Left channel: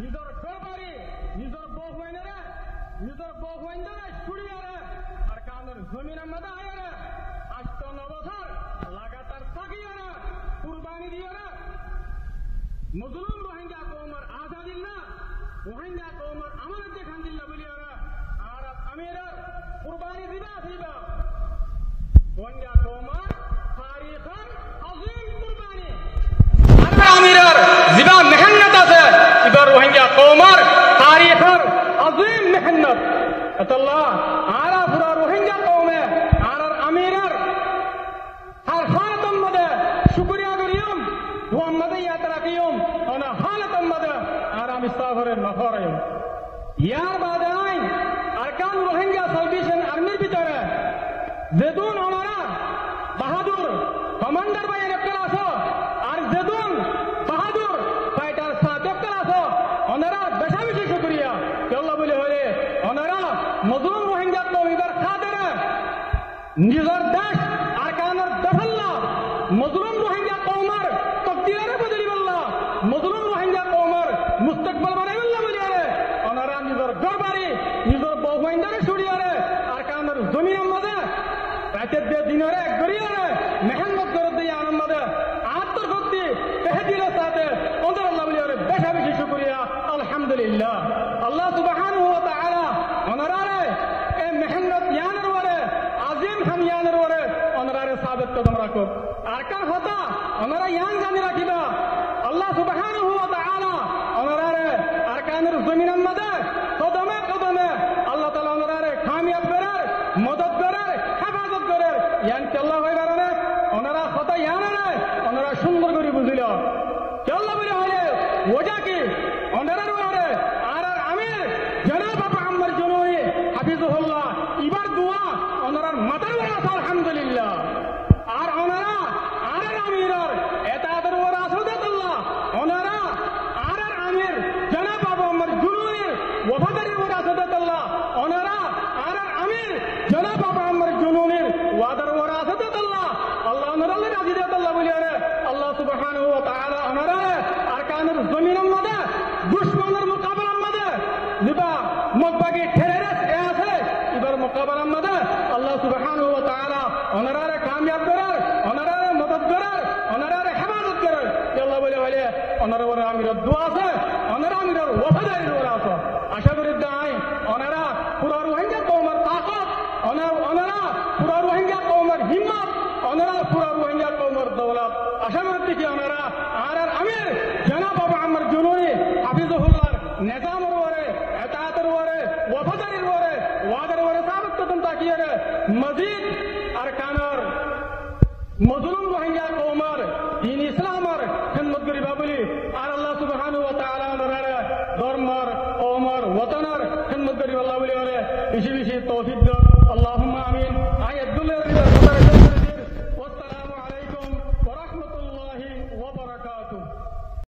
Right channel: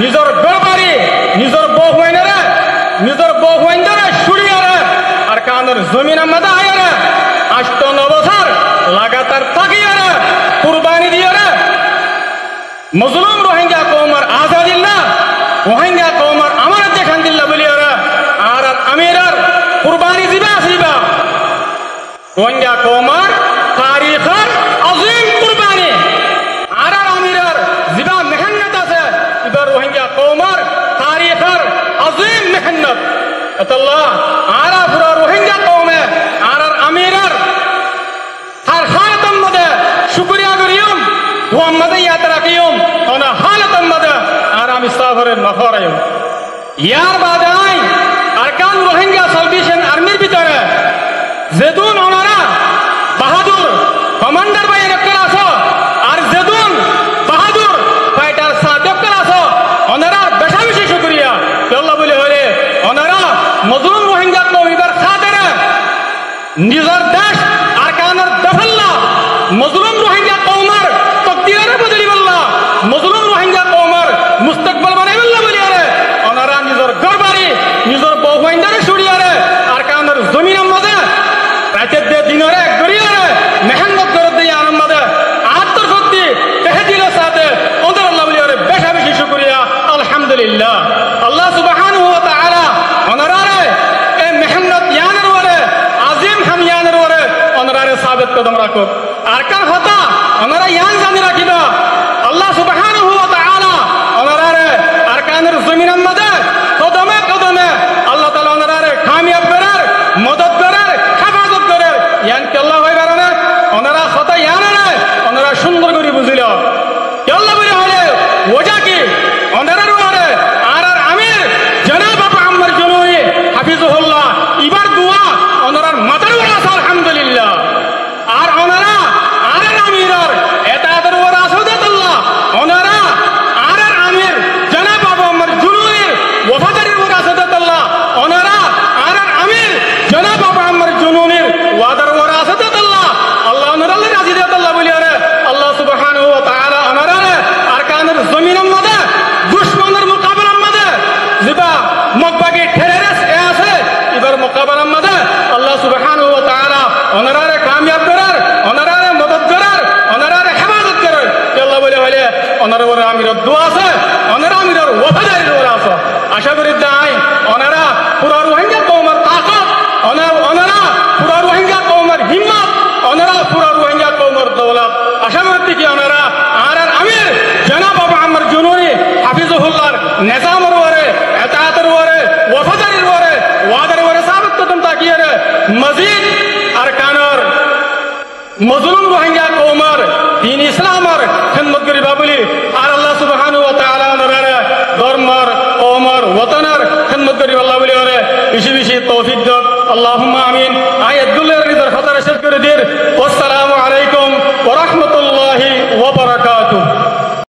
নিজের গড়বাড়ি নিজের বউ হইনারে নিজের বউ হইনারে সুরিয়ারে আর কানের জমিন আমাদের আয়ারে 8-9 বছর লাগাতার থাকিয়ারে কুরবানি দিয়ারে মজলুম রোহিঙ্গা কওমার আজাদিল্লাহ রোহিঙ্গা কওমার আমানত দেখান দিল্লাহ বলিয়ারে আর আমিরার কুরবানি দিবা আসিবা রোহিঙ্গা কওমার তারিখের আজিম কুরবানি আর আমিরার জিবা মেহনত আছে এবার রোহিঙ্গা কওমার তারিখের আজিম মেহনত আল্লাহ আর পুরা রোহিঙ্গা কওমে আর আমিরার তার হালাতের মধ্যে শুকরিয়া করিয়ম মুহাম্মদে ইয়াদ রাখিয়ম ওনা হালাতের মধ্যে আর আমি সাফরে নফরায়ম ইয়ার বাদে আই আরকান রোহিঙ্গা সালভেশন আর্মির ভিতরে যেদুন ওনারা বাহাদুর কমান্ডার বাই একটা আছো আর যেদুন বাহাদুর ফাইটার সাদেকল আছো ওনারা বেশা বেশি শুকরিয়া আল্লাহ বলে হলে ওনারা মজলুম রোহিঙ্গা কওমিবার খাতিরে নিজের দেশ আরকানের দফল্লা মজলুম রোহিঙ্গা কওমার তকদিরে বদলি বল্লা মজলুম রোহিঙ্গা কওমার মুস্তাকবাল বানাই বল্লা বলি আরে ওনারা নিজের গড়বাড়ি নিজের বউ হইন্দারে সুরিয়ারে আরকানের জমিনের মধ্যে রাতের দিয়ে দিনরে গড়িয়ারে মেহনত করে দিয়ে আরাম মধ্যে আত্মশক্তি তেহদিলের সাথে ওদের আল্লাহ বলি আরে বেশা বেশি শুকরিয়া আলহামদুলিল্লাহ আল্লাহ সুবহানাহু ওয়া তাআলা ওনারারে এই মেহনত ইয়ানের ওরে আজিম হাম ইয়ানের ওরে ওনারারে সাবিত কদম রাখো আরকান হতা ওনারা ইয়ান জানি রাখিবা আল্লাহ সুবহানাহু ওয়া তাআলা ওনারারে আরকানের জমিনের মধ্যে কদমে কদমে আল্লাহ তাআলা ওনারারে কামিয়াব করার মদদ করার হেফাজত করার ইয়ান কে আল্লাহ হয় কারণে ওনারা হতা ইয়ানে ওনারা সুন্দর করে বুঝিল আল্লাহ বলে হলে ওজা কি ওনারার ওরে আর আমির জনাব আবু আম্মার জুনুই হাফিজুহুল্লাহ ইবার দোয়া ওনারার মাথার ওরে আছে আলহামদুলিল্লাহ আর ওনারা আর আমিরের এতাদের ওরে আছে আল্লাহ ওনারা আর আমির জনাব আবু আম্মার জুনুই ওয়াফাদারির ওরে আছে আল্লাহ ওনারা আর আমির জনাব আবু আম্মার জুনুনির ওয়াদার ওরে আছে আল্লাহ আল্লাহ ওনারা রাজি দেত আল্লাহ বলি আরে আল্লাহ সুবহানাহু ওয়া তাআলা ওনারা আরকানের জমিনের মধ্যে দুশমনের মোকাবেলার মধ্যে জিবা মকবাগি ঠেরেরেস এ আছে এবার মোকাবেলার মধ্যে আল্লাহ সুবহানাহু ওয়া তাআলা ওনারারে কামিয়াব করার ওনারারে মদদ করার ওনারারে হেফাজত করার আল্লাহ বলে হলে ওনার ওরে আমিরের দোয়া আছে ওনারা আমিরের ওয়াফাদারির ওরে আছে আশা করি দাই ওনারা পুরা রোহিঙ্গা কওমের তাকত ওনারা পুরা রোহিঙ্গা কওমের হিম্মত ওনারা পুরা রোহিঙ্গা কওমের দৌলত আশা করি কি ওনারা আর আমির জনাব আবু আম্মার জুনুনি হাফিজুহুল্লাহর নিজামের ওরে এতায়াতের ওরে ওয়াফাদারির ওরে ওয়াদার ওরে সাবিত কদম তাকিয়ে রে মজিদ আরকানের মজলুম রোহিঙ্গা কওমের দ্বীন ইসলামের খিদমত করিবা বলি আর আল্লাহ সুবহানাহু ওয়া তাআলা ওনারে ধর্মের কওমের ওয়াতনের খিদমত করিবা আল্লাহ বলি ওরে বেশি বেশি তৌফিক দাও আল্লাহুম্মা আমিন আয়াতুল্লাহর রিদার খাতারে শেষ করে দিন